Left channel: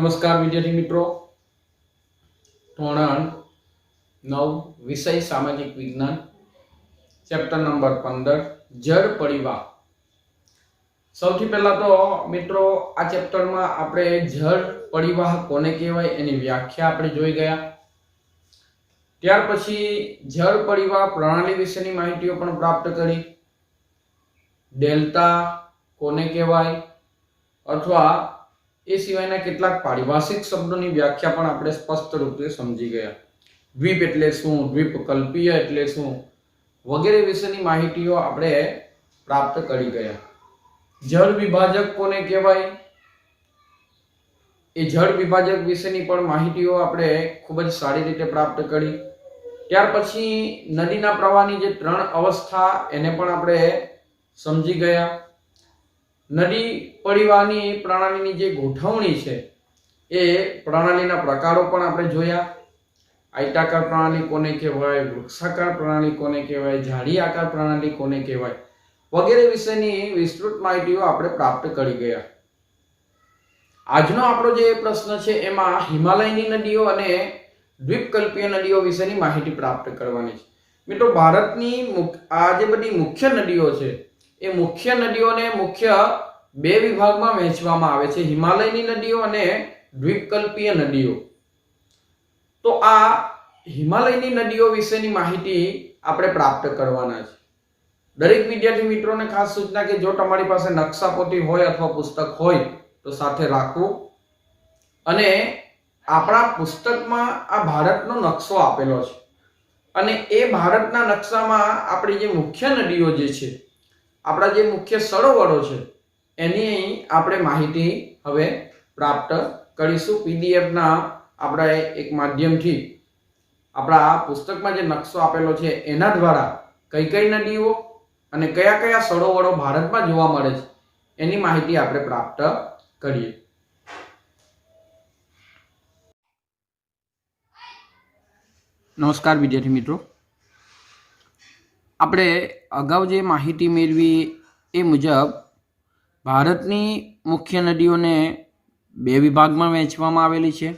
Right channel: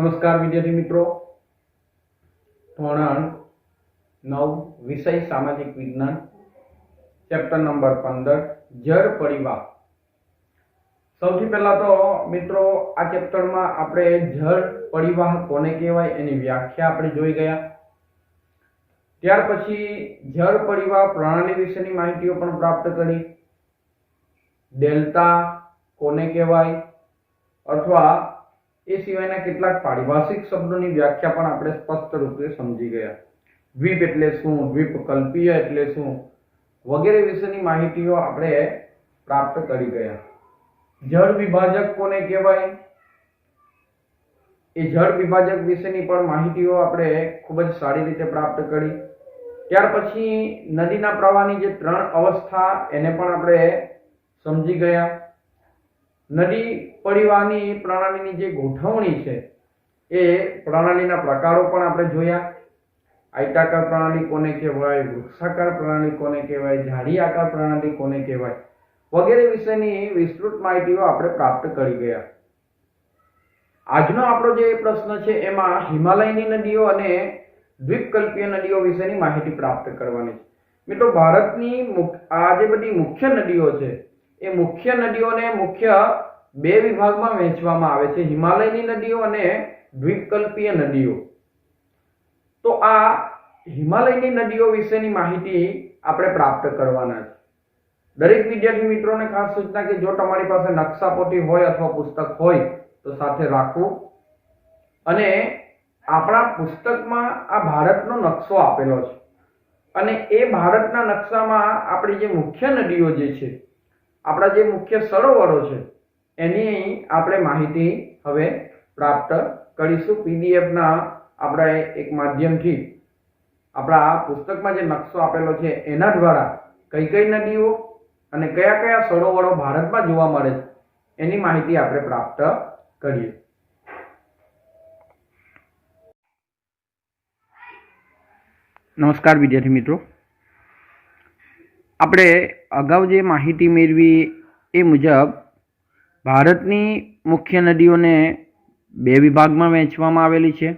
नमस्कार विद्यार्थी मित्रों। धोरण 9 विषय सामाजिक विज्ञान चैप्टर नंबर 15 जड़ परिवाह। सौथी पहला तो मित्रों आ चैप्टर में आपणे जड़ परिवाह कोने कहेवाय एनी व्याख्या आपणे जोई गया। त्यार पछी जड़ परिवाह प्रणाली विशेनी माहितीओ पण प्राप्त करी। डेल्टा कोने कहेवाय अथवा ए सिवायना કેટલાક પારિભાષિક શબ્દોની વ્યાખ્યા પણ આપણે સ્પષ્ટ રૂપે સમજી ગયા। દ્વીપ એટલે શું, દ્વીપકલ્પીય એટલે શું વગેરે વિશેની માહિતીઓ આપણે પ્રાપ્ત કરી ગયા। જળ વિભાજક કોને કહેવાય એ જળ વિભાજક વિશેની પણ માહિતીઓ આપણે ખૂબ જ સારી રીતે પ્રાપ્ત કરી। ત્યાર પછી નદીના પ્રવાહની જે ત્રણ અવસ્થા એને પણ આપણે સમજી ગયા। नदी परिवाहनी प्रणालीनी जे गोठवणी छे ए प्रणालीना प्रकारो पण आपणे जोया। आयताकार प्रणाली कोने कहेवाय, वृक्षाकार प्रणाली कोने कहेवाय, झाड़ी आकार प्रणाली कोने कहेवाय वगैरे विषयनी विस्तृत माहितीओ आपणे प्राप्त करी गया। आजनो आपणो जे प्रश्न छे एमां हिमालयनी नदीओ अने द्वीपकल्पीय नदीओ विशेनी माहिती प्राप्त करवानी छे। मित्रों भारतनी आ जे बधी मुख्य नदीओ छे ए मुख्य नदीओने मुख्य बे विभागमां वहेंचवामां आवे छे, हिमालयनी नदीओ अने द्वीपकल्पीय नदीओ। तो आ हिमालयनी नदीओ विशेनी माहिती आपणे प्राप्त करवाना छे। दरेक विद्यार्थी मित्रोने खास सूचना के जो तमारी पासे नक्शापोथी होय अथवा पुस्तक होय तो साथे राखवुं। अने आपणा पुस्तकमां आ भारतनो नक्शो आपेलो छे अने ए भारतना नक्शामां आपणी जे मुख्य नदीओ जे छे, आपड़ा जे मुख्य सरोवरो छे एनी आपणे माहिती हवे प्राप्त करीशुं। पीडीएफ ना आपड़ा एक माध्यमथी आपड़ा पुस्तकमां जे नक्शो आपेलो छे एना द्वारा कई कई नदीओ अने कया कया सरोवरो भारतमां जोवा मळे छे एनी माहिती आपणे प्राप्त करीए। नमस्कार विद्यार्थी मित्रों, આપણે અગાઉ જે માહિતી મેળવી એ મુજબ ભારતની મુખ્ય નદીઓને બે વિભાગમાં વહેંચવામાં આવેલી છે,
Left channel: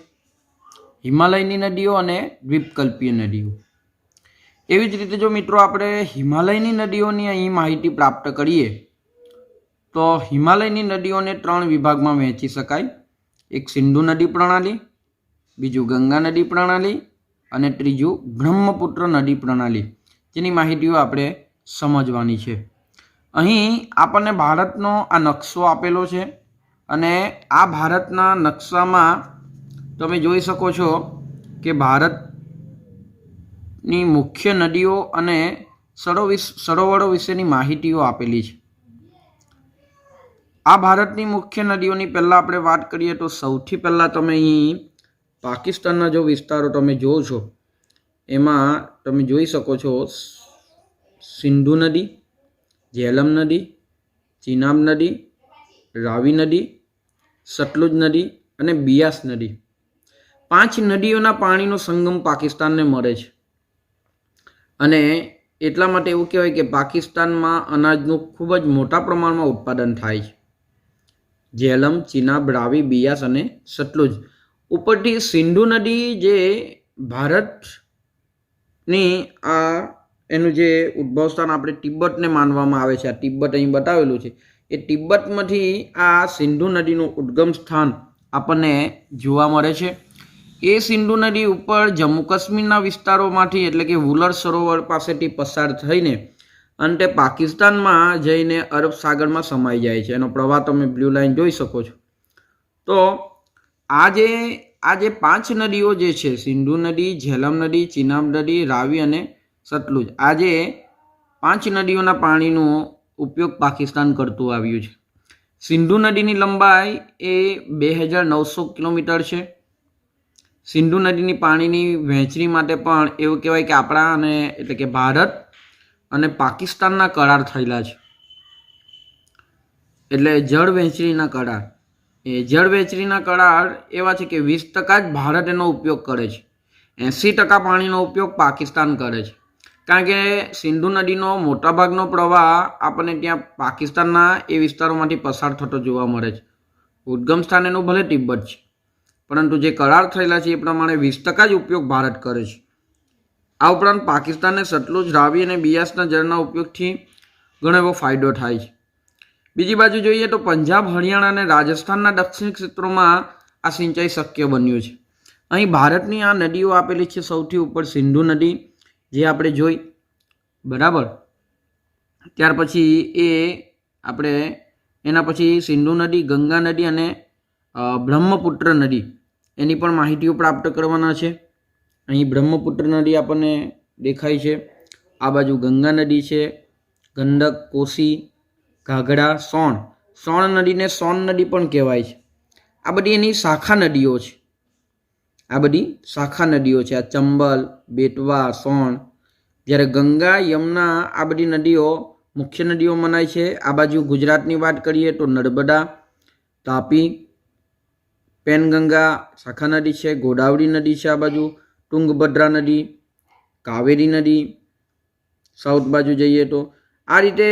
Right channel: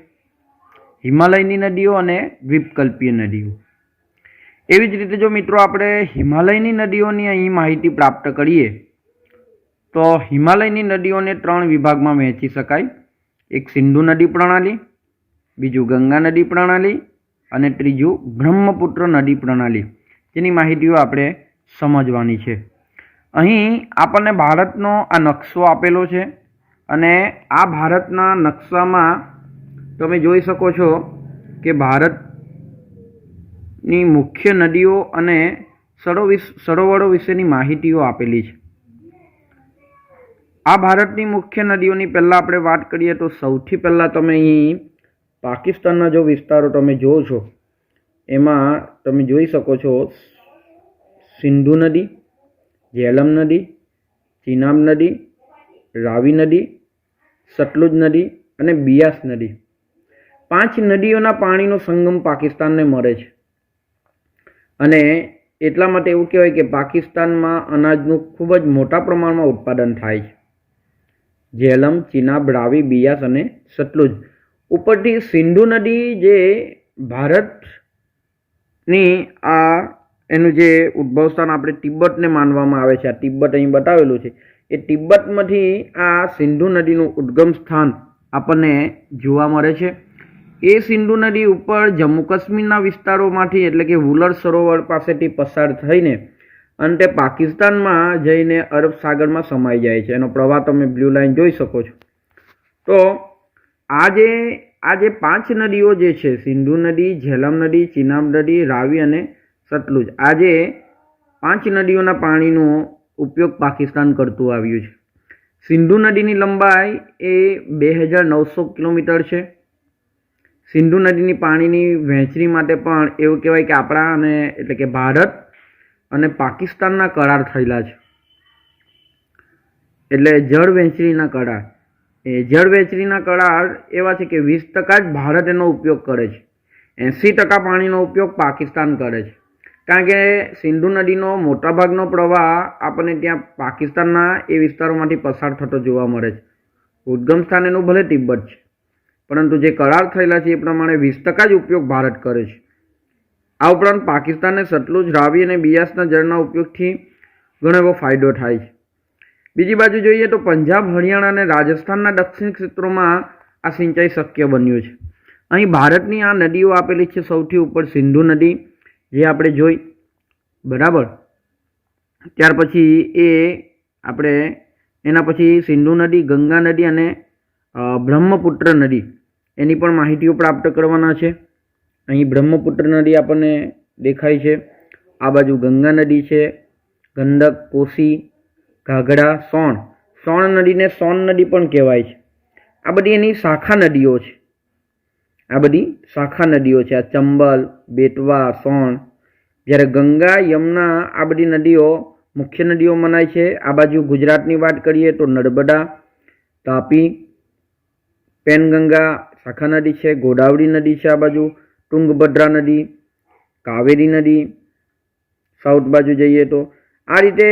હિમાલયની નદીઓ અને દ્વીપકલ્પીય નદીઓ। એવી જ રીતે જો મિત્રો આપણે હિમાલયની નદીઓની અહીં માહિતી પ્રાપ્ત કરીએ તો હિમાલયની નદીઓને ત્રણ વિભાગમાં વહેંચી શકાય। એક સિંધુ નદી પ્રણાલી, બીજું ગંગા નદી પ્રણાલી અને ત્રીજું બ્રહ્મપુત્ર નદી પ્રણાલી, જેની માહિતીઓ આપણે સમજવાની છે। અહીં આપણને ભારતનો આ નકશો આપેલો છે અને આ ભારતના નકશામાં તમે જોઈ શકો છો કે ભારતની મુખ્ય નદીઓ અને સરોવરો વિશેની માહિતીઓ આપેલી છે। આ ભારતની મુખ્ય નદીઓની પહેલાં આપણે વાત કરીએ તો સૌથી પહેલાં તમે અહીં પાકિસ્તાનના જો વિસ્તારો તમે જોવો છો એમાં તમે જોઈ શકો છો सिंधु नदी, झेलम नदी, चीनाब नदी, रावी नदी, सतलुज नदी अने बियास नदी, पांच नदीओना पाणीनो संगम पाकिस्तानने मळे छे। अने एटला माटे एवुं कहेवाय के पाकिस्तानमां अनाजनुं खूब ज मोटा प्रमाणमां उत्पादन थाय छे। झेलम, चीनाब, रावी, बियास अने सतलुज उपरथी सिंधु नदी जे भारतनी आ एनु जे उद्भव स्थान आपणे तिब्बतने मानवामां आवे छे। आ तिब्बत અહીં બતાવેલું છે એ तिब्बतमांथी आ सिंधु नदीનું उद्गम स्थान આપણને જોવા મળે છે। એ સિંધુ નદી ઉપર જમ્મુ કાશ્મીરના વિસ્તારોમાંથી એટલે કે વુલર સરોવર પાસેથી પસાર થઈને અંતે પાકિસ્તાનમાં જઈને અરબ સાગરમાં સમાઈ જાય છે। એનો પ્રવાહ તમે બ્લુ લાઇન જોઈ શકો છો। તો આ જે પાંચ નદીઓ જે છે સિંધુ નદી, ઝેલમ નદી, ચીનાબ નદી, રાવી અને सतलुज, आज पांच नदीओना पाणीनो उपयोग पाकिस्तान करतुं आव्युं छे। सिंधु नदीनी लंबाई ए 2900 किलोमीटर छे। सिंधु नदीनी पाणीनी वहेंचणी माटे पण एवुं कहेवाय के आपणा अने एटले के भारत अने पाकिस्तानना करार थयेला छे। एटले जळ वहेंचणीना करार, ए जळ वहेंचणीना करार एवा छे के 20% ज भारत एनो उपयोग करे छे, 80% पाणीनो उपयोग पाकिस्तान करे छे। कारण के सिंधु नदीनो मोटा भागनो प्रवाह आपने त्यां पाकिस्तानना ए विस्तारोमांथी पसार थतो जोवा मळे छे। उद्गम स्थान एनुं भले तिब्बत छे પરંતુ જે કરાર થયેલા છે એ પ્રમાણે 20% જ ઉપયોગ ભારત કરે છે. આ ઉપરાંત પાકિસ્તાનને સતલુજ, રાવી અને બિયાસના જળના ઉપયોગથી ઘણો એવો ફાયદો થાય છે. બીજી બાજુ જોઈએ તો પંજાબ, હરિયાણા અને રાજસ્થાનના દક્ષિણ ક્ષેત્રોમાં આ સિંચાઈ શક્ય બન્યું છે. અહીં ભારતની આ નદીઓ આપેલી છે. સૌથી ઉપર સિંધુ નદી જે આપણે જોઈ, બરાબર. ત્યાર પછી એના પછી સિંધુ નદી, ગંગા નદી અને બ્રહ્મપુત્ર નદી, એની પણ માહિતીઓ પ્રાપ્ત કરવાના છે. અહીં બ્રહ્મપુત્ર નદી આપણને દેખાય છે. આ બાજુ ગંગા નદી છે, ગંડક, કોસી, ઘાઘરા, સોણ નદીને સોન નદી પણ કહેવાય છે. આ બધી એની શાખા નદીઓ છે. આ ચંબલ, બેટવા, સોણ. જ્યારે ગંગા, યમુના આ બધી નદીઓ મુખ્ય નદીઓ મનાય છે. આ બાજુ ગુજરાતની વાત કરીએ તો નર્મદા, તાપી, પેનગંગા શાખા નદી છે, ગોદાવરી નદી છે, આ બાજુ તુંગભદ્રા નદી, કાવેરી નદી. સાઉથ બાજુ જઈએ તો આ રીતે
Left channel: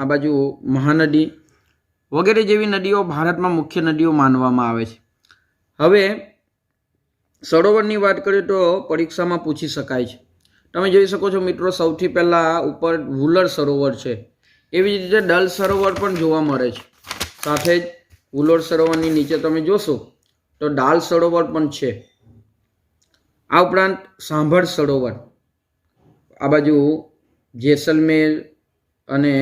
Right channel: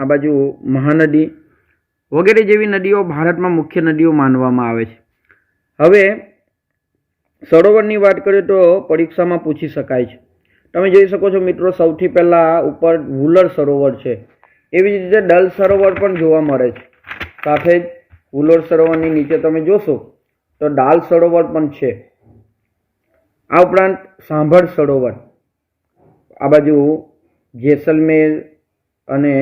આ બાજુ મહાનદી વગેરે જેવી નદીઓ ભારતમાં મુખ્ય નદીઓ માનવામાં આવે છે. હવે સરોવરની વાત કરીએ તો પરીક્ષામાં પૂછી શકાય છે. તમે જોઈ શકો છો મિત્રો, સૌથી પહેલાં ઉપર વુલર સરોવર છે. એવી જ રીતે ડલ સરોવર પણ જોવા મળે છે. સાથે જ વુલર સરોવરની નીચે તમે જોશો તો દાલ સરોવર પણ છે. આ ઉપરાંત સાંભળ સરોવર, આ બાજુ જેસલમેર અને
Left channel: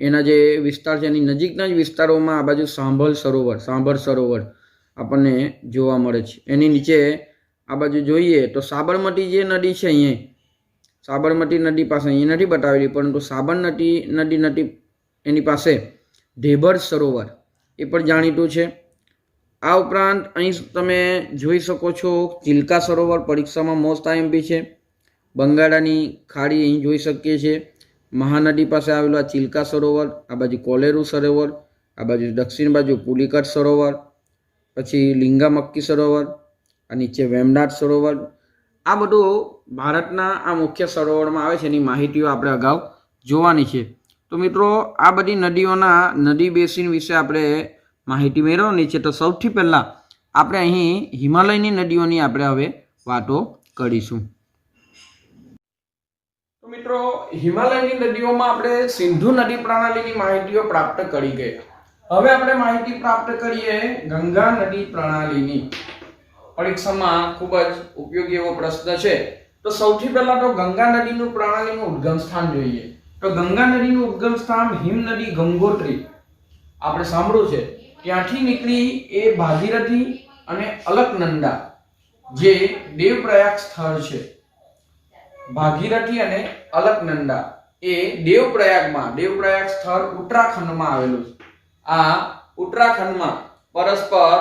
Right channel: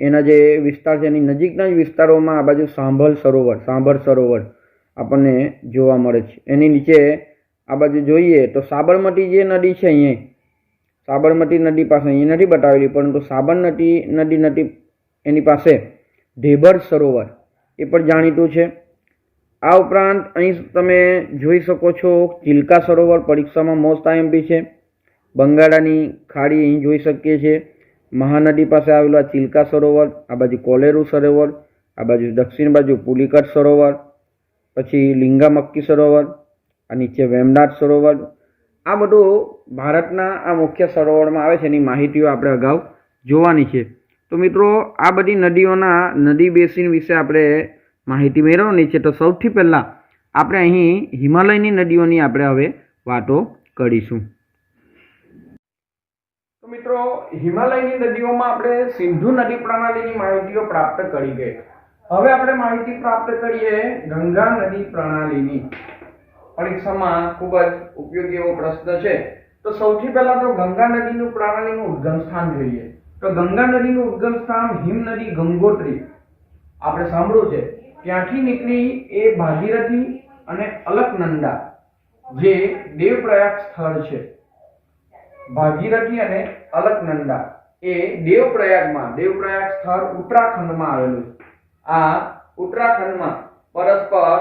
એના જે વિસ્તાર છે એની નજીકના જ વિસ્તારોમાં આ બાજુ સાંભળ સરોવર આપણને જોવા મળે છે. એની નીચે આ બાજુ જોઈએ તો સાબરમતી જે નદી છે, અહીંયા સાબરમતી નદી પાસે અહીં નથી બતાવેલી, પરંતુ સાબરમતી નદી એની પાસે ઢેબર સરોવર એ પણ જાણીતું છે. આ ઉપરાંત અહીં તમે જોઈ શકો છો ચિલ્કા સરોવર, પરીક્ષામાં મોસ્ટ આઈએમપી છે. બંગાળાની ખાડી અહીં જોઈ શકીએ છીએ. મહાનદી પાસે આવેલું આ ચિલ્કા સરોવર, આ બાજુ કોલેરુ સરોવર, આ બાજુ દક્ષિણ બાજુ પુલિકટ સરોવર, પછી લિંગામક્કી સરોવર, આ નીચે વેમનાથ સરોવર. આ બધું ભારતના આ મુખ્ય સરોવરમાં આવે છે. એની માહિતીઓ આપણે અગાઉ જોવાની છે. તો મિત્રો, આ બધી નદીઓના નદી બેસિન વિશે આપણે માહિતી મેળવવાની છે. તો સૌથી પહેલાં આપણે અહીં હિમાલયની નદીઓની આપણે હવે વાતો કરીશું. તો મિત્રો, હિમાલયની નદીઓમાં આપણે સિંધુ નદી પ્રણાલીની માહિતીઓ પ્રાપ્ત કરી ગઈ. હવે આપણે માહિતી પ્રાપ્ત કરીએ ગંગા નદી પ્રણાલીની. પરીક્ષામાં ખૂબ જ ઉપયોગી એવો પ્રશ્ન છે. તો સૌથી પહેલા તો ગંગા નદીનું પ્રણાલીનું ઉદ્ગમ સ્થાન જોઈએ. તો ગંગા નદીનું ઉદ્ગમ સ્થાન હિમ નદી ગંગોત્રી આપણે સાંભળ્યું છે. ત્યાંથી નીકળી એ ભાગીરથી અને અલકનંદા જે દેવપ્રયાગ સ્થળ છે, ભાગીરથી અને અલકનંદા એ દેવપ્રયાગ સ્થળ ઉત્તરાખંડમાં આવેલું છે. આ ઉત્તરાખંડમાં પરસ્પર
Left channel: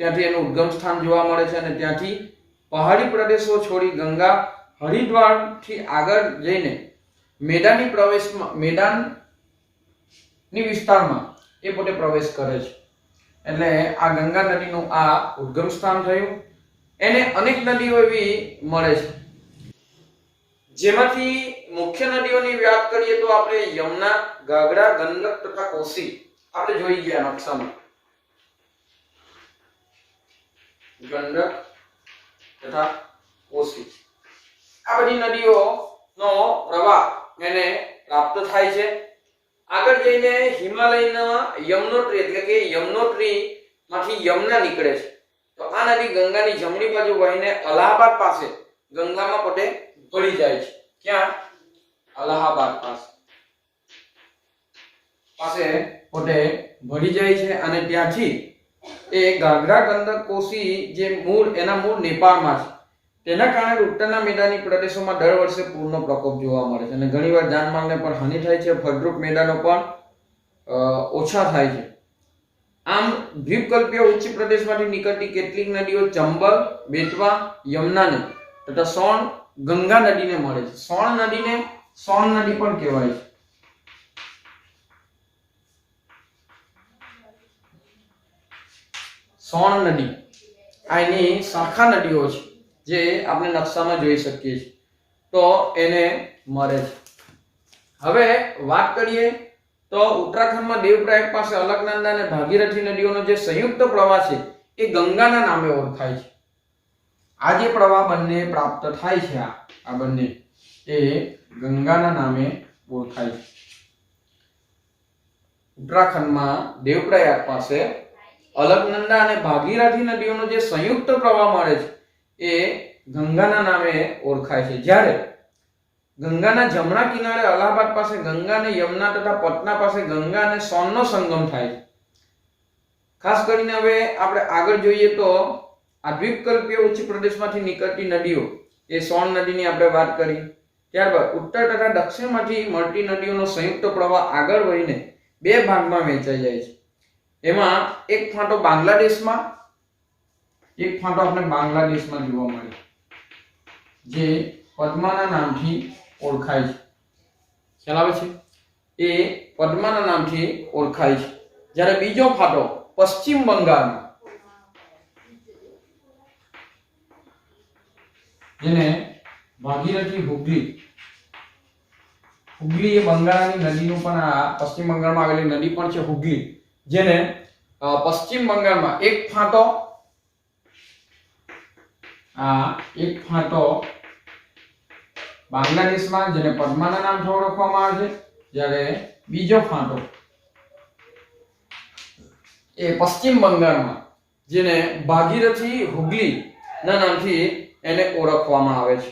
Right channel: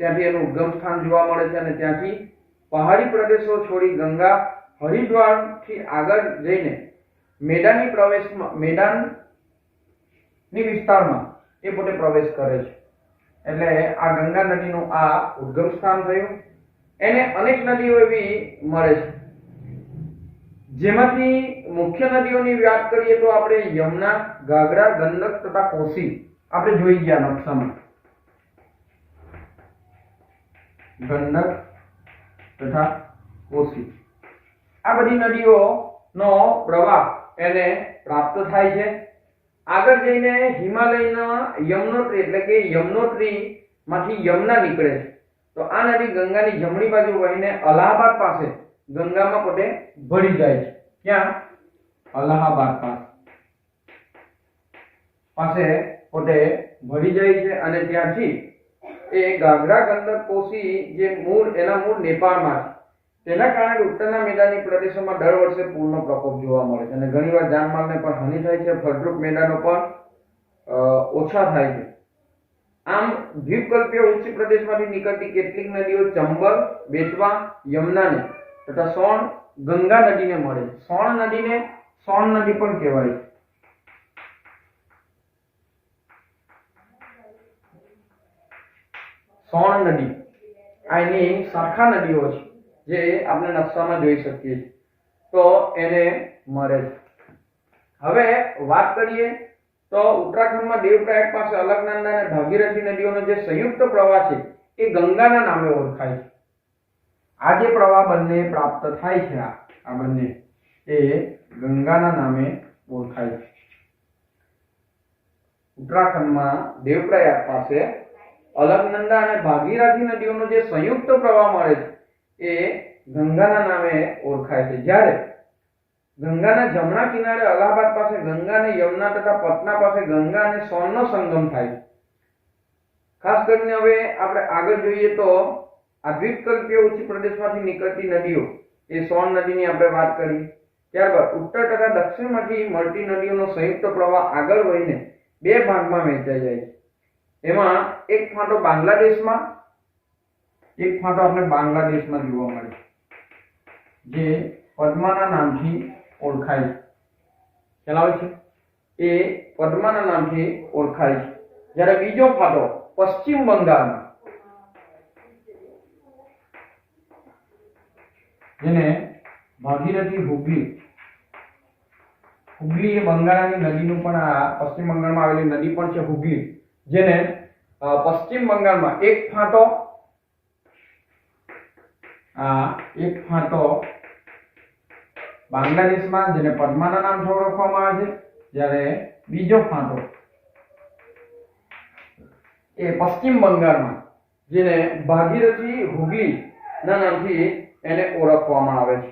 ત્યાંથી એનું ઉદ્ગમ સ્થાન જોવા મળે છે. અને ત્યાંથી પહાડી પ્રદેશો છોડી ગંગા હરિદ્વારથી આગળ જઈને મેદાની વિસ્તારમાં એ પોતે પ્રવેશ કરે છે. એટલે આ ગંગા નદીનું આ ઉદ્ગમ સ્થાન થયું. એને અનેક નદીઓ એવી મળે છે, જેમાંથી મુખ્ય નદીઓની વાત કરીએ તો આપણે યમુના, ઘાઘરા, ગંડક તથા કોસી આપણે જોઈ ગયા નકશામાં. ગંડક તથા કોસી આ બધી નદીઓનો પ્રવાહ એને પ્રાપ્ત થાય છે. આગળ જઈને હિમાલયના યમનોત્રી એટલે કે યમનોત્રી માંથી યમુના નીકળે છે. તો આ નદી ગંગાની જમણી બાજુ વહીને અલ્હાબાદ પાસે ગંગામાં પોતે ભળી જાય છે. ક્યાં? અલ્હાબાદ પાસે પોતે ભળી જાય છે. અને ત્યાંથી એ ઘાઘરા, ગંડક, કોસી જે એના મૂળ નેપાળમાં છે, તેના કારણે ઉત્તરના મેદાની પ્રદેશોમાં દર વર્ષે પૂરનો પ્રકોપ જોવા મળે છે. અને ઘણીવાર જાનમાલને પણ હાનિ થાય છે. ફળદ્રુપ મેદાનો પણ ઓછા થાય છે. આમ દ્વીપકલ્પીય ઉચ્ચ પ્રદેશમાંથી નીકળતી કેટલીક નદીઓ ચંબલ, બેટવા, યમુનાને તથા સોણ, ગંગા નદીને મળે છે. સોણ નદીને સોણ નદી પણ કહેવાય છે. સોણ નદી આ એની શાખા નદીઓ છે, જે આપણે નકશામાં જોઈ શકીએ છીએ. તો એને મળે છે. હવે વાત કરીએ તો ઉત્તરાખંડમાં દેવપ્રયાગ પાસે અલકનંદા અને ભાગીરથી નદીઓનો જે સંયુક્ત પ્રવાહ છે એ ગંગાના નામે ઓળખાય છે. આ જે પ્રવાહ બંને પ્રાપ્ત થાય છે, આ બંને એ ગંગાના નામે ઓળખાય છે. ઉત્તરાખંડમાં દેવપ્રયાગ પાસે અલકનંદા અને ભાગીરથી નદીઓનો જે સંયુક્ત પ્રવાહ મળે છે એ ગંગાના નામે ઓળખાય છે. જ્યારે ગંગાના જમણા કિનારે અલ્હાબાદ પાસે ગંગા અને યમુના તથા પટના પાસે ગંગા અને સોનનો સંગમ થાય છે. ખાસ કરીને હવે આપણે આગળ જોઈએ તો આ દ્વીપકલ્પીય ઉચ્ચ પ્રદેશમાંથી નીકળતી નદીઓ એ સોન નદીની આપણે વાત કરી. ત્યારબાદ ઉત્તર તથા દક્ષિણમાંથી મળતી નદીઓનો સંયુક્ત પ્રવાહ આગળ વહીને બે ભાગમાં વહેંચાઈ જાય છે. એમાં એક ફાંટો બાંગ્લાદેશમાં, એક ફાંટો આપણે બાંગ્લાદેશમાં જોવા મળે જે પદ્માના નામથી ઓળખાય છે. ખ્યાલ આવે છે? એ પદ્માના નામથી ઓળખાય છે. જ્યારે બીજો ફાંટો પશ્ચિમ બંગાળમાં, જેને ભાગીરથી હુગલી, હુગલી એ બંગાળની નદીનું પણ આ પશ્ચિમ બંગાળમાં આવેલી નદી પણ છે હુગલી, જેને પશ્ચિમ બંગાળમાં એક ફાંટો બાંગ્લાદેશમાં જેને પદ્માના નામથી ઓળખવામાં આવે છે, જ્યારે બીજો ફાંટો એ પશ્ચિમ બંગાળમાં જેને ભાગીરથી હુગલી ના નામથી એને ઓળખવામાં આવે છે.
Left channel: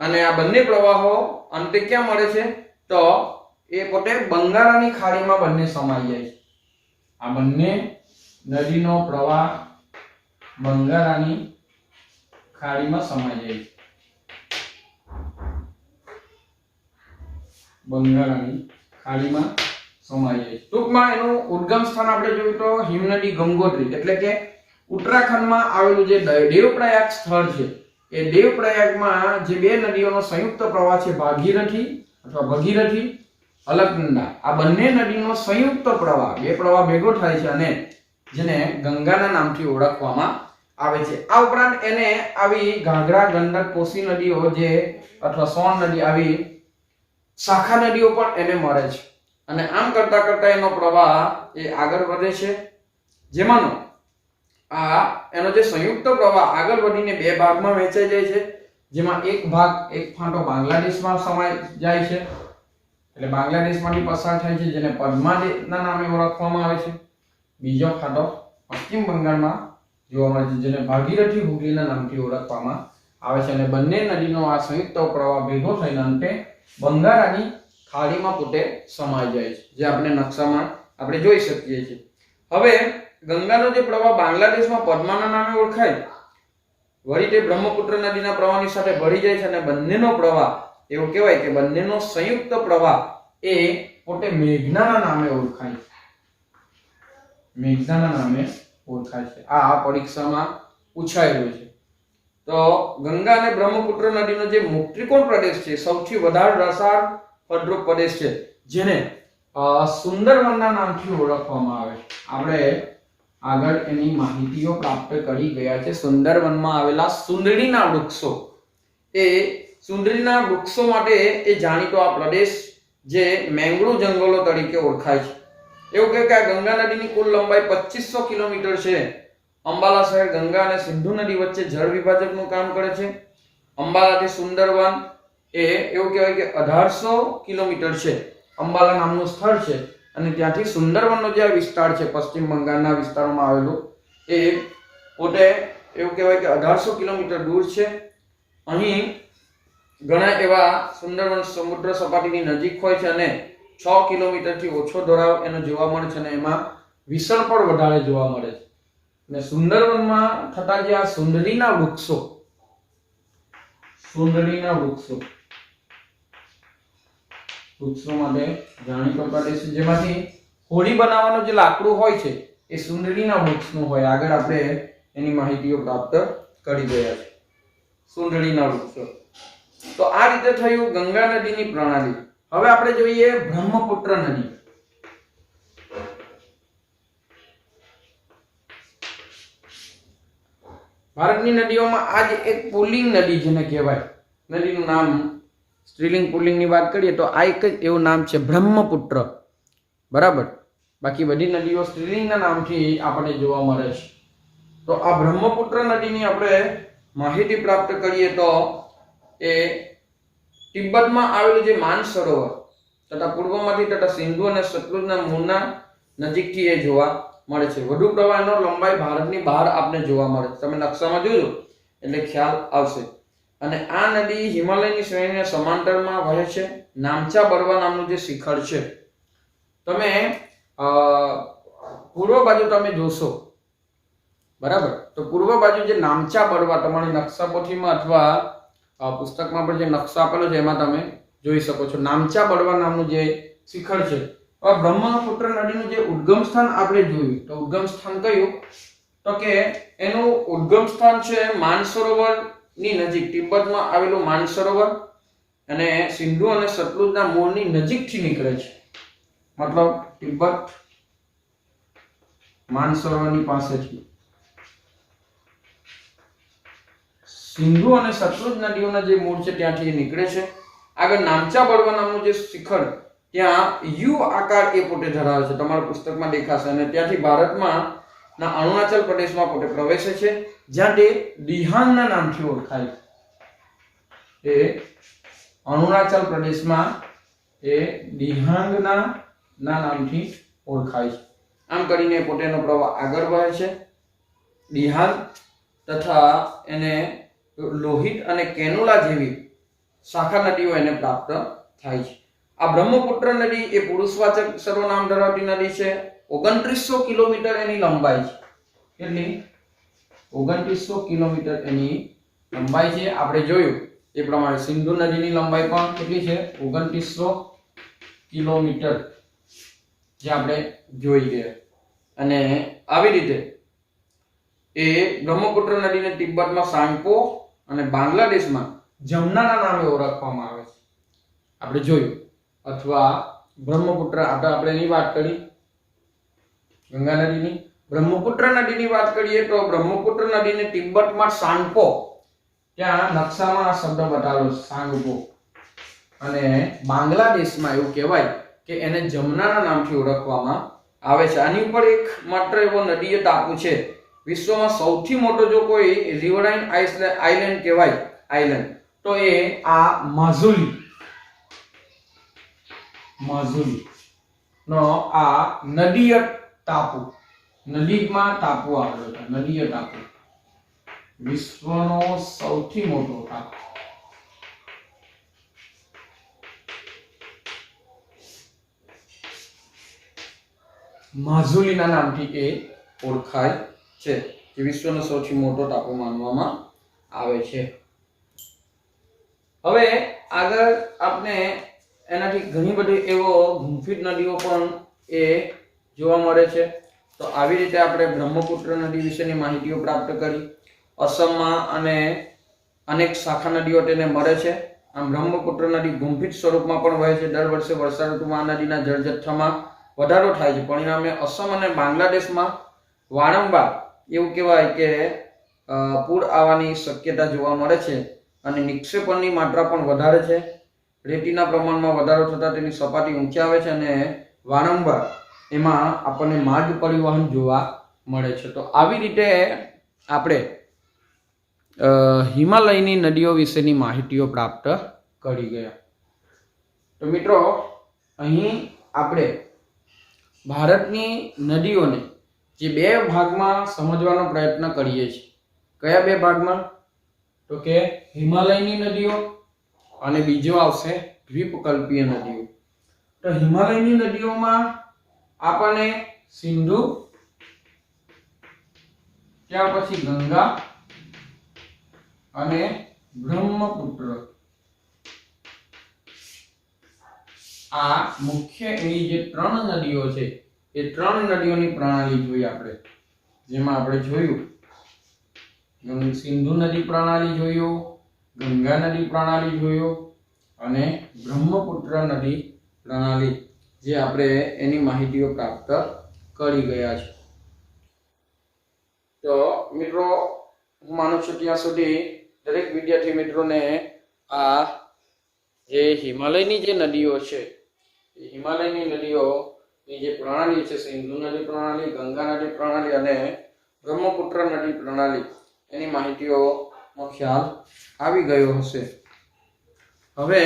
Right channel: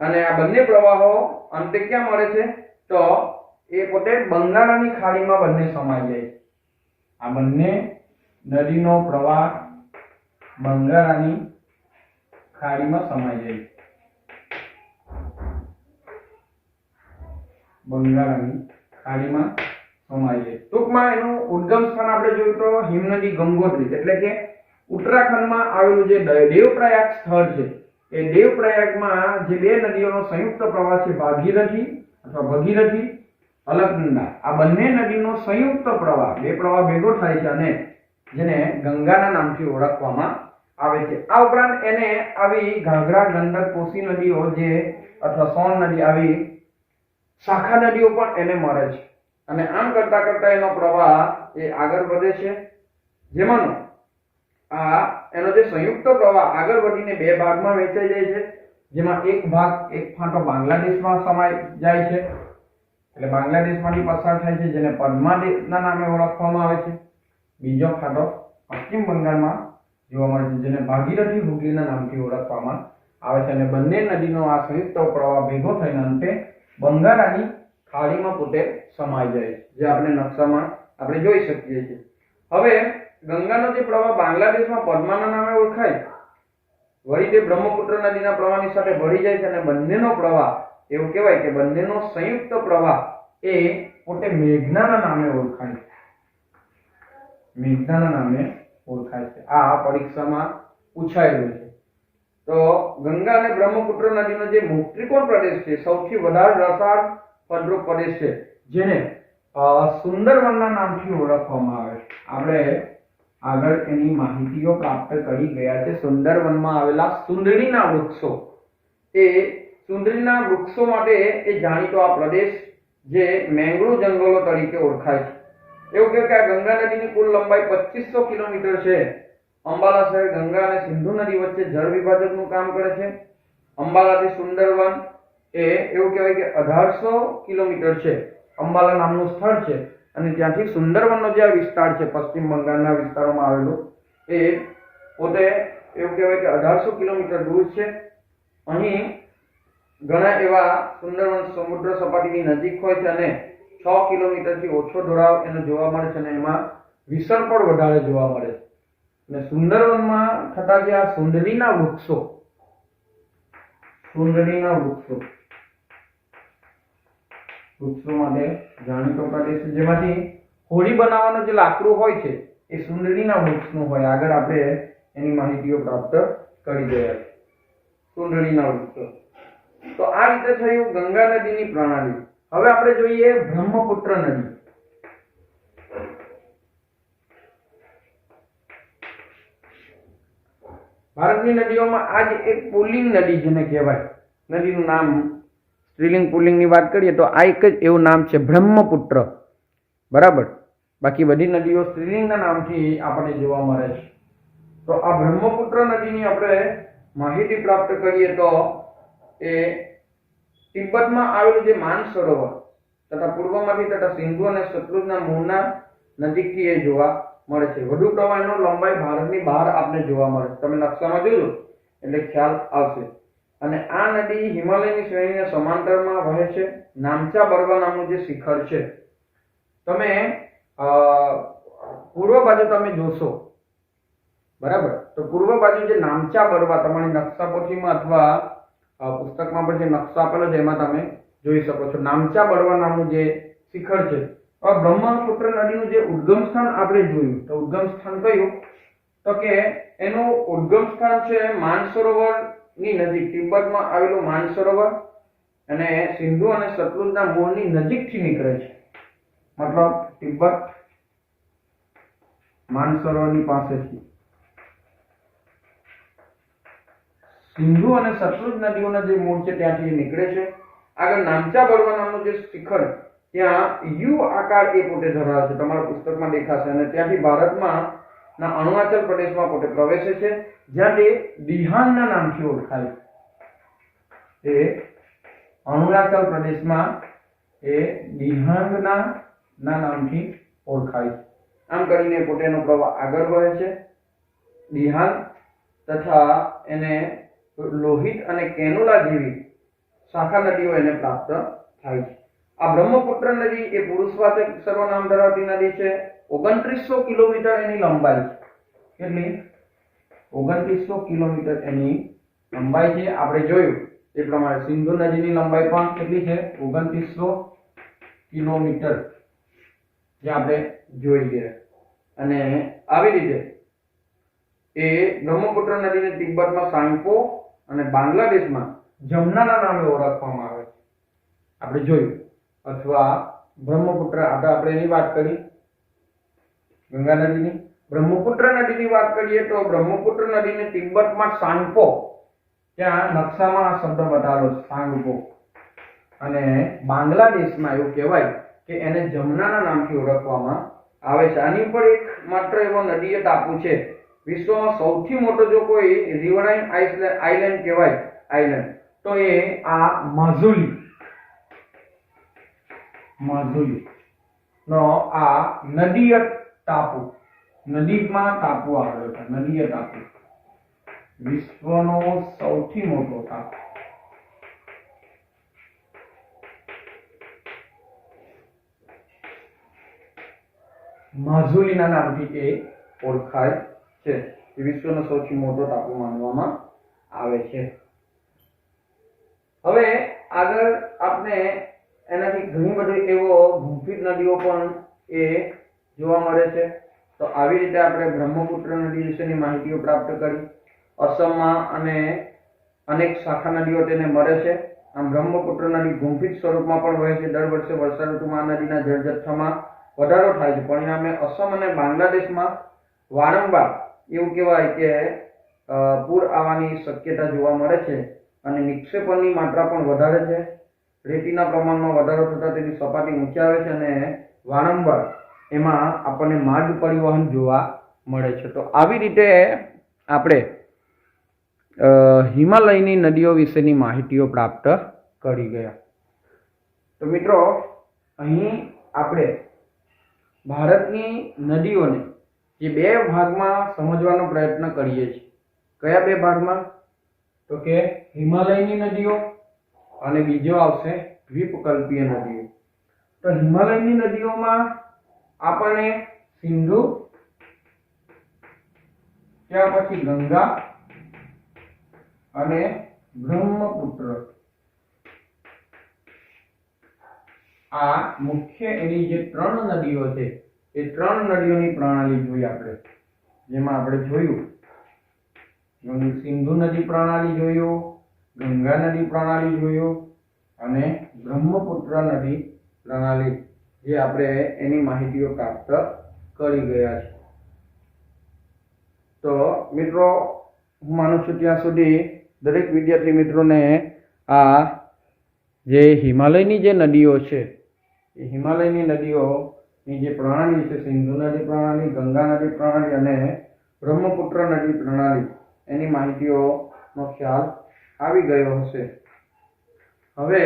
અને આ બંને પ્રવાહો અંતે ક્યાં મળે છે તો એ પોતે બંગાળની ખાડીમાં બંને સમાઈ જાય છે. આ બંને નદીનો પ્રવાહ બંગાળની ખાડીમાં સમાઈ જાય છે. બંગાળની ખાડીમાં સમાઈ જાય છે. ટૂંકમાં એનું ઉદ્ગમ સ્થાન આપણે જોયું તો હિમનદી ગંગોત્રી, એટલે કે ઉત્તરાખંડમાં આવેલું જે દેવપ્રયાગ સ્થળ છે એ દેવપ્રયાગમાં જે બે નદીઓનો સંયુક્ત પ્રવાહ છે ભાગીરથી અથવા ભગીરથી, અલકનંદા, આ બંને નદીનો સંયુક્ત પ્રવાહ, બે પ્રવાહ ભેગો થાય છે અને જેને ગંગાના નામથી ઓળખવામાં આવે છે. આ ઉપરાંત એને આવી ઘાઘરા, ગંડક, કોસી નદીઓ જે અથવા સોન નદી, આવી શાખા નદીઓ પણ એને મળે છે. અને આમ કરતા કરતા એનો પ્રવાહ એ આગળ વધે છે, જેમાંનો આ એનો જે સંયુક્ત પ્રવાહ આગળ વધીને બે ભાગમાં વહેંચાઈ જાય છે. જેમાં એક ભાગ, એક ફાંટો બાંગ્લાદેશમાં સમાઈ જાય છે, એટલે બાંગ્લાદેશમાંથી પસાર થાય છે, જેને પદ્માના નામે ઓળખવામાં આવે છે. બીજો ફાંટો પશ્ચિમ બંગાળમાં જોવા મળે છે, જેને ભાગીરથી હુગલીના નામથી ઓળખવામાં આવે છે. અને બંને નદીનો આ સંયુક્ત પ્રવાહ ભેગો થઈને અંતે બંગાળની ખાડીમાં પોતે સમાઈ જાય છે, જે આપણે નકશામાં આપણે જોઈ શકીએ છીએ. હવે ગંગાનો જે પ્રવાહ બાંગ્લાદેશમાં પદ્માના નામે ઓળખાય, વળી તે બ્રહ્મપુત્ર નદીના પ્રવાહની સાથે ભળી જાય છે અને બંનેનો પ્રવાહ, એવું કહેવાય કે બંનેનો સંયુક્ત પ્રવાહ એ પોતે મેઘનાના નામે ઓળખાય છે. મેઘનાના નામે ઓળખાય છે. આ પરીક્ષામાં પૂછાયેલું છે. તો ગંગા અને બ્રહ્મપુત્ર નદીનો જે મુક્ત્રિકોણ પ્રદેશ છે, સૌથી વધારે રસાળ ફળદ્રુપ પ્રદેશ છે, જેને સુંદરવનના નામથી ઓળખવામાં આવે. આપણે આગળ એની માહિતીઓ પ્રાપ્ત કરી ગયા છે. સુંદરવનમાં આવેલા સુંદરીના વૃક્ષો, એ સુંદરીના વૃક્ષો માટે એ જાણીતો આ પ્રદેશ જે મેંગ્રોવ જંગલો તરીકે ઓળખાય છે. એવું કે આ ગંગા નદીની કુલ લંબાઈ 2500 કિલોમીટર છે. અંબાલા શહેર ગંગા અને સિંધુ નદી વચ્ચે જળ વિભાજકનું કામ કરે છે. અંબાલાથી સુંદરવન એ એવું કહેવાય કે 1800 કિલોમીટર છે. અંબાલા નામનું સ્થળ છે અને ત્યાંથી સુંદરવનનો જે વિસ્તાર છે પશ્ચિમ બંગાળના વિસ્તારોમાં આવેલો, એ પોતે એવું કહેવાય કે 1800 કિલોમીટર દૂર છે. અહીં ઘણા એવા સુંદરવન સમુદ્ર સપાટીની નજીક હોય છે અને 6 કિલોમીટરથી ઓછો ઢોળાવ એનો જોવા મળે છે અને એમાં વિસર્ગ પણ વધારે જોવા મળે છે. અને સુંદરવનમાં થતા જે આ સુંદરીના વૃક્ષો માટે જાણીતો પ્રદેશ છે, જેમાંથી હોળી બનાવવાનું જે લાકડું હોય છે એ સુંદરીના વૃક્ષનું હોય. આગળ આપણે એની માહિતીઓ પ્રાપ્ત કરી ગયા છે. સુંદરીના વૃક્ષો. તો આ રીતે થયું ગંગા નદીની પ્રણાલી. હવે આપણે જોઈએ બ્રહ્મપુત્ર નદી. ભારતની નદીઓમાં આજ એક પુલ્લિંગ નદી જેને કહેવાય, નદીનું નામ સ્ત્રીલિંગ પુલ્લિંગની વાત કરીએ તો આ એક જ એવું નામ છે બ્રહ્મપુત્ર. બરાબર. બાકી બધી નદીઓ સ્ત્રીલિંગના નામથી આપણને જોવા મળે છે. તો આ બ્રહ્મપુત્ર નદીની આપણે માહિતી પ્રાપ્ત કરીએ તો એ તિબ્બતમાં આવેલું જે માનસરોવર તથા પૂર્વમાંથી તથા સિંધુ અને સતલુજના મૂળના નજીકથી એ જોવા મળે છે. વધુ પ્રવાહનો લંબાઈ ભારતની બહાર આપને જોવા મળે છે. તમે નકશામાં જોજો એટલે ખ્યાલ આવશે. અને આ નદી હિમાલયની શ્રેણીને સમાંતરમાં વહે છે. નામચા બરવા નામનું જે શિખર છે, તમે પૂર્વ બાજુ તમે જોશો, બરાબર, તો પૂર્વ બાજુ જે નામચા બરવા તમારી નકશા પોથીમાં અથવા પુસ્તકમાં પણ જે નકશા આપેલો છે એમાં તમે જોઈ શકો છો. નામચા બરવા નામનું જે શિખર છે. બ્રહ્મપુત્ર નદીનું જે ઉદ્ગમ સ્થાન આપણે જોયું, તો ઉદ્ગમ સ્થાન કયું? તો કે એનું ઉદ્ગમ સ્થાન છે માનસરોવર ની નજીક, તિબ્બતમાં આવેલું માનસરોવર અને સિંધુ અને સતલુજના મૂળની નજીકથી નીકળે છે. મતલબ તિબ્બત માનસરોવરની પાસેથી સિંધુ અને સતલુજ નદીઓના જે મૂળ છે ત્યાંથી નીકળે છે. આગળ નામચા બળવા નામનું જે શિખર, ત્યાં યુ આકાર એ પોતે ધરાવે છે, તમારા પુસ્તકમાં દેખાશે. અને ત્યાંથી ભારતમાં ના અરુણાચલ પ્રદેશમાં પોતે પ્રવેશે છે, જ્યાં તે દિહાંગના નામથી ઓળખાય છે. એ અરુણાચલ પ્રદેશમાં એ દિહાંગના નામથી ઓળખાય છે. આમ કરીને પોતેનો પ્રવાહ આગળ વધે છે. દિહાંગ તથા એને લોહિત અને કેનોલા જેવી શાખા નદીઓ એને પ્રાપ્ત થાય છે. આ બ્રહ્મપુત્ર નદી એ પુરુષવાચક સર્વનામ ધરાવતી નદી છે. 2900 કિલોમીટર એની લંબાઈ છે. કેટલી? 2900 કિલોમીટર એની લંબાઈ છે. આપણે જોયું એ પ્રમાણે સિંધુ નદીની લંબાઈ પણ કેટલી છે? 2900 કિલોમીટર, જે આપણે જોઈ ગયા. અને આવી રીતે એ બ્રહ્મપુત્ર નદીને તિબ્બતમાં સાંગપો અને બાંગ્લાદેશમાં જમનાના નામે ઓળખવામાં આવે છે, આપણે જોયું. અથવા બ્રહ્મપુત્ર, આપણે એની વાત કરી ગંગા નદીની. બ્રહ્મપુત્ર નદીની વાત કરીએ તો બ્રહ્મપુત્ર નદીને તિબ્બતમાં સાંગપો, ત્યાં નકશામાં આ શબ્દ બતાવેલો છે, સાંગપો. અને બાંગ્લાદેશમાં એવું કહેવાય કે એને જમનાના નામથી ઓળખવામાં આવે છે. આની ઉપર એક માત્ર એવો નદીય ટાપુ છે વિશ્વમાં સૌથી મોટો, જો કોઈ રિવરાઇન આઇલેન્ડ કહેવાય આઇલેન્ડ, તો એ આ માઝુલી નો આ નદીય ટાપુ, નદીમાં ટાપુ આવેલો છે. નદીય ટાપુ વિશ્વનો સૌથી મોટો ટાપુ. માઝુલીના નામથી એ ઓળખાય છે, જે વિશ્વનો સૌથી મોટો ટાપુ માનવામાં આવે છે. હવે આગળ આપણે એનાથી ઘણી બધી એવો ગુંફિત નદીઓ પણ એ જોવા મળે છે. તો આવી રીતે આપણે બ્રહ્મપુત્ર નદી વિશેની માહિતીઓ પ્રાપ્ત કરી. અસમમાં અને અનેક શાખા નદીઓ તેને મળે છે. આમ બ્રહ્મપુત્ર નદી ગુંફિત સ્વરૂપમાં પણ વહે છે. દર વર્ષે વર્ષા ઋતુમાં આ નદીના જળજથ્થામાં વધારો થાય છે. પરિણામે અસમ અને બાંગ્લાદેશમાં વારંવાર એવું કહેવાય કે પૂર આવવાની શક્યતા જોવા મળે છે. અને નિક્ષેપણની માત્રા પણ વધારે છે. રેતીના પ્રમાણમાં વધારો થતાં તેની સપાટી ઊંચી આવે છે અને વારંવાર એમાં આપણને માર્ગ પરિવહન જોવા મળે છે. તો આવી રીતે આપણે હિમાલયની નદીઓ વિશેની માહિતીઓ પ્રાપ્ત કરી ગયા. તો મિત્રો, અહીં આપણે ભારતની નદીઓને જે બે ભાગમાં સમજવાનો પ્રયત્ન કરીએ છીએ. કયા બે ભાગમાં? તો કે હિમાલયની નદીઓ અને બીજો આવશે દ્વીપકલ્પીય નદીઓ. તો હિમાલયની નદીઓમાં આપણને સિંધુ, ત્યાર પછી ગંગા અને બ્રહ્મપુત્ર, આ મુખ્ય એની જે ત્રણ નદીઓ છે એ ત્રણ નદીઓની પ્રણાલી જોઈ આપણે. જેમાં આપણે જોયું સિંધુ નદી પ્રણાલી જોયું, ગંગા નદી પ્રણાલી જોયું અને બ્રહ્મપુત્ર નદી પ્રણાલી, જે આપણે એની માહિતીઓ પ્રાપ્ત કરી ગયા છે. તો મિત્રો, હું માનું છું ત્યાં સુધી દરેક વિદ્યાર્થી મિત્રોને આ જે હિમાલયની જે નદીઓ છે એ હિમાલયની નદીઓ ની જે પ્રણાલી છે, સિંધુ નદી પ્રણાલી, ગંગા નદી પ્રણાલી અને બ્રહ્મપુત્ર નદી પ્રણાલી, એની માહિતીઓનો ખ્યાલ આવી ગયો હશે. હવે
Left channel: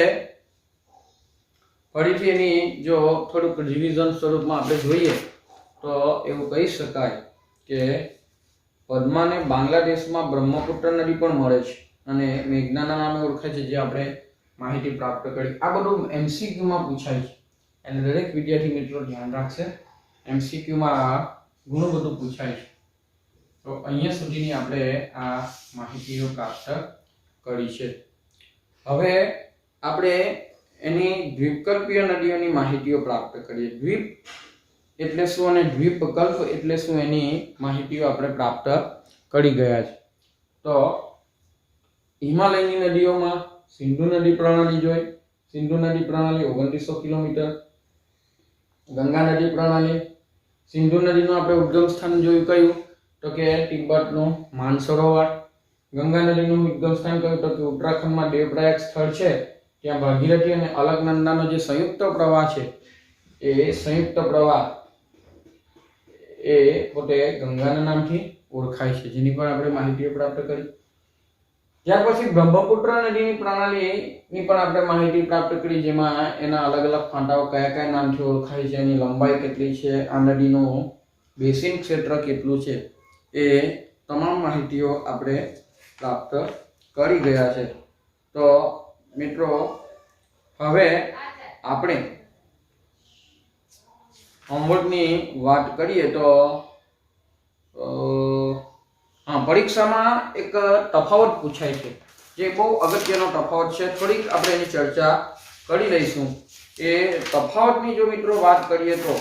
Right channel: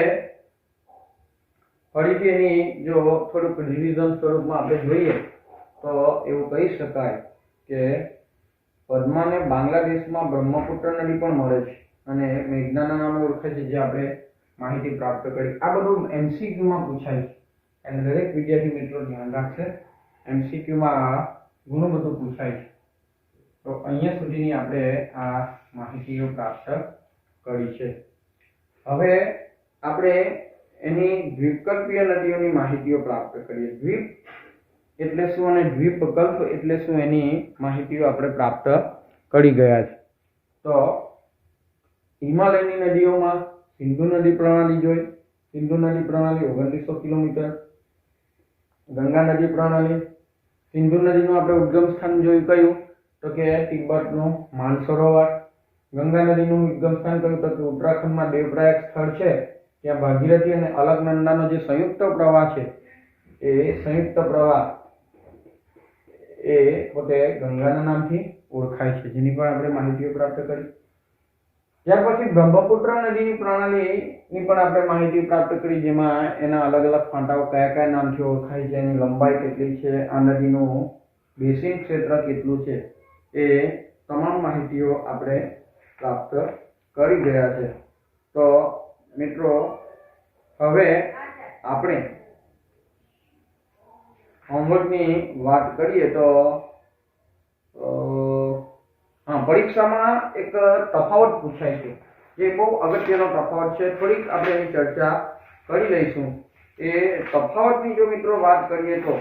ફરીથી એની જો થોડુંક રિવિઝન સ્વરૂપમાં આપણે જોઈએ તો એવું કહી શકાય કે પદ્માને બાંગ્લાદેશમાં બ્રહ્મપુત્ર નદી પણ મળે છે અને મેઘનાના નામે ઓળખાય છે, જે આપણે માહિતી પ્રાપ્ત કરી. આ બધું એમસીક્યુમાં પૂછાય છે અને દરેક વિદ્યાર્થી મિત્રો ધ્યાન રાખશે. એમસીક્યુમાં ઘણું બધું પૂછાય છે. તો અહીંયા સુધીની આપણે આ માહિતીઓ પ્રાપ્ત કરી છે. હવે આપણે એની દ્વીપકલ્પીય નદીઓની માહિતીઓ પ્રાપ્ત કરીએ. દ્વીપ એટલે શું અને દ્વીપકલ્પ એટલે શું, એની માહિતીઓ આપણે પ્રાપ્ત કરી ગયા છે. તો હિમાલયની નદીઓમાં સિંધુ નદી પ્રણાલી જોઈ. સિંધુ નદી પ્રણાલી 2900 કિલોમીટર. ગંગા નદી પ્રણાલી, સિંધુ નદીનું આપણે ઉદ્ગમ સ્થાન જોયું કયું, તો કે તિબ્બતનું માનસરોવર. ગંગા નદીનું ઉદ્ગમ સ્થાન કયું, તો કે ઉત્તરાખંડમાં દેવપ્રયાગ સ્થળ છે, ત્યાં ભાગીરથી અને અલકનંદાનો જે સંયુક્ત પ્રવાહ છે, એ સંયુક્ત પ્રવાહ એ પોતે ગંગાના નામથી ઓળખાય છે, જેની પણ આપણે માહિતીઓ પ્રાપ્ત કરી. ત્યાર પછી બ્રહ્મપુત્ર નદીની પ્રણાલીની પણ આપણે માહિતી પ્રાપ્ત કરી, જેમાં એના અલગ અલગ ફાંટાઓ કયા કયા નામથી ઓળખાય છે, એની લંબાઈ કેટલી છે, આ નદીનું બેસિન ક્ષેત્ર કેટલું છે, એ તમામ માહિતીઓ આપણે પ્રાપ્ત કરી ગયા છે. તો મિત્રો હવે આપણે હોમવર્કની વાત કરીએ તો પરીક્ષામાં એક તફાવત પૂછાય છે, જે બહુ અગત્યનો તફાવત છે. થોડીક આપણે એની ચર્ચા કરી લઈશું. એ તફાવતની જો મિત્રો વાત કરીએ તો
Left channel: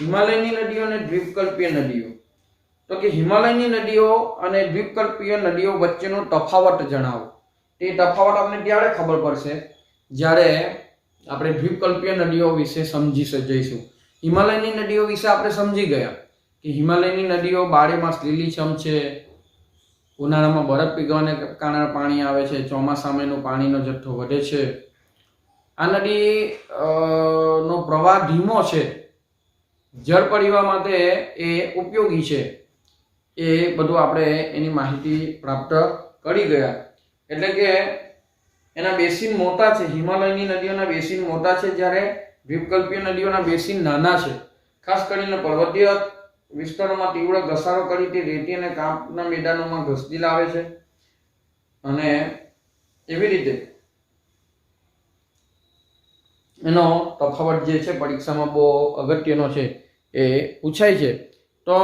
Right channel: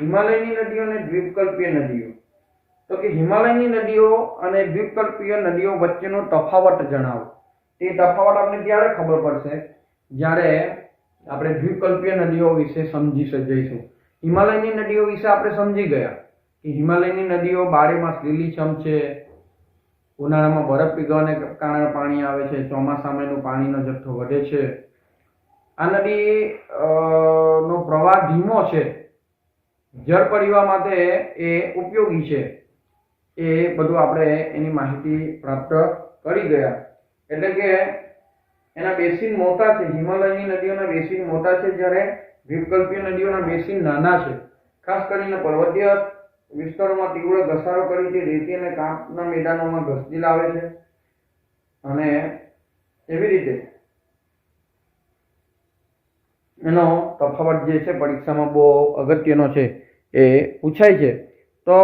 હિમાલયની નદીઓ અને દ્વીપકલ્પીય નદીઓ, તો કે હિમાલયની નદીઓ અને દ્વીપકલ્પીય નદીઓ વચ્ચેનો તફાવત જણાવો. તે તફાવત આપણે ત્યારે ખબર પડશે જ્યારે આપણે દ્વીપકલ્પીય નદીઓ વિશે સમજી જઈશું. હિમાલયની નદીઓ વિશે આપણે સમજી ગયા કે હિમાલયની નદીઓ બારેમાસ લીલીછમ છે, ઉનાળામાં બરફ પીગળવાને કારણે પાણી આવે છે, ચોમાસામાં એનો પાણીનો જથ્થો વધે છે. આ નદી નો પ્રવાહ ધીમો છે, જળ પરિવહન માટે એ ઉપયોગી છે. એ બધું આપણે એની માહિતી પ્રાપ્ત કરી ગયા. એટલે કે એના બેસિન મોટા છે, હિમાલયની નદીઓના બેસિન મોટા છે, જ્યારે દ્વીપકલ્પીય નદીઓના બેસિન નાના છે. ખાસ કરીને પર્વતીય વિસ્તારોમાં તીવ્ર ઘસારો કરી તે રેતી અને કાંપના મેદાનોમાં ઘસડી લાવે છે. અને એવી રીતે એનો તફાવત જે છે પરીક્ષામાં બહુ અગત્યનો છે, એ પૂછાય છે. તો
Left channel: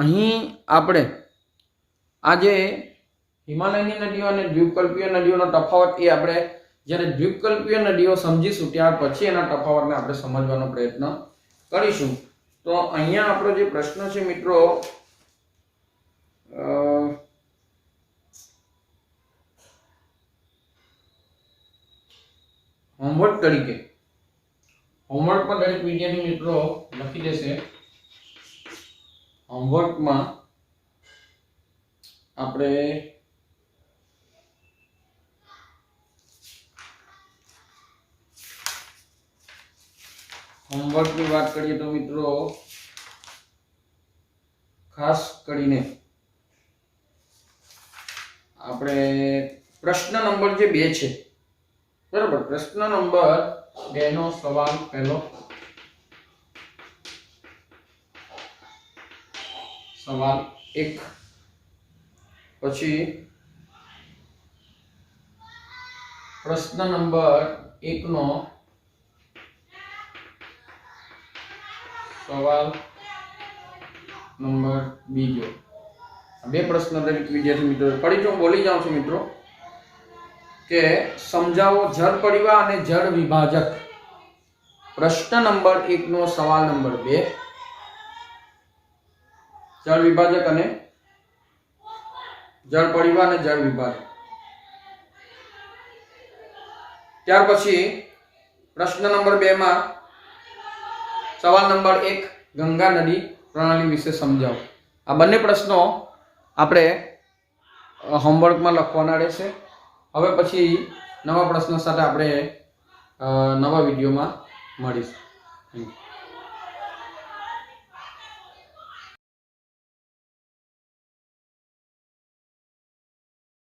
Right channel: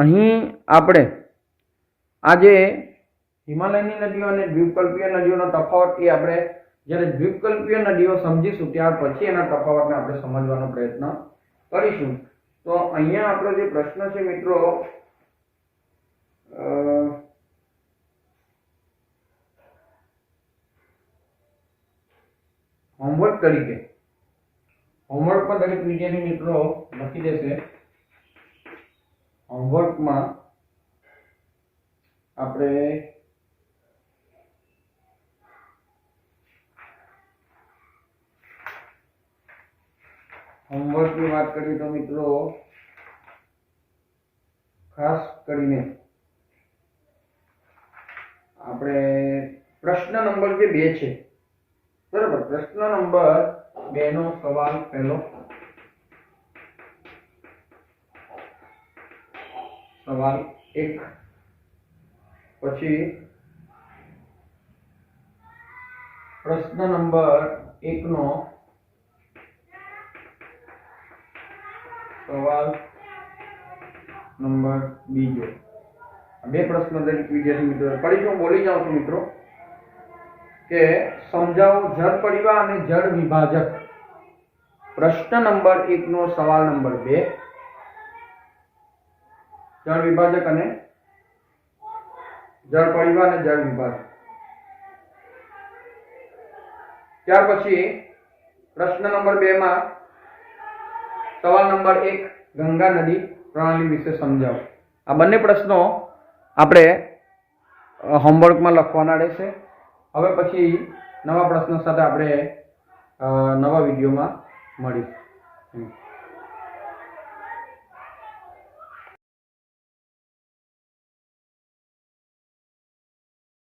અહીં આપણે આજે હિમાલયની નદીઓ અને દ્વીપકલ્પીય નદીઓનો તફાવત એ આપણે જ્યારે દ્વીપકલ્પીય નદીઓ સમજીશું ત્યાર પછી એના તફાવતને આપણે સમજવાનો પ્રયત્ન કરીશું. તો અહીંયા આપણો જે પ્રશ્ન છે મિત્રો, હોમવર્ક તરીકે હોમવર્કમાં દરેક વિદ્યાર્થી મિત્રો લખી દેશે. હોમવર્કમાં આપણે હોમવર્કની વાત કરીએ તો મિત્રો ખાસ કરીને આપણે પ્રશ્ન નંબર જે 2 છે, બરાબર, પ્રશ્ન નંબર 2 નો સવાલ પહેલો, સવાલ 1, પછી પ્રશ્ન નંબર 1 નો સવાલ નંબર 2. બે પ્રશ્ન દરેક વિદ્યાર્થી મિત્રો પડી જો બોલી જાઉં છું મિત્રો કે સમજાવો જળ પરિવાહ અને જળ વિભાજક. પ્રશ્ન નંબર 1 નો સવાલ નંબર 2, જળ વિભાજક અને જળ પરિવાહ અને જળ વિભાજક. ત્યાર પછી પ્રશ્ન નંબર 2 માં સવાલ નંબર 1 ગંગા નદી પ્રણાલી વિશે સમજાવો. આ બંને પ્રશ્નો આપણે હોમવર્કમાં લખવાના રહેશે. હવે પછી નવા પ્રશ્નો સાથે આપણે નવા વિડીયોમાં મળીશું.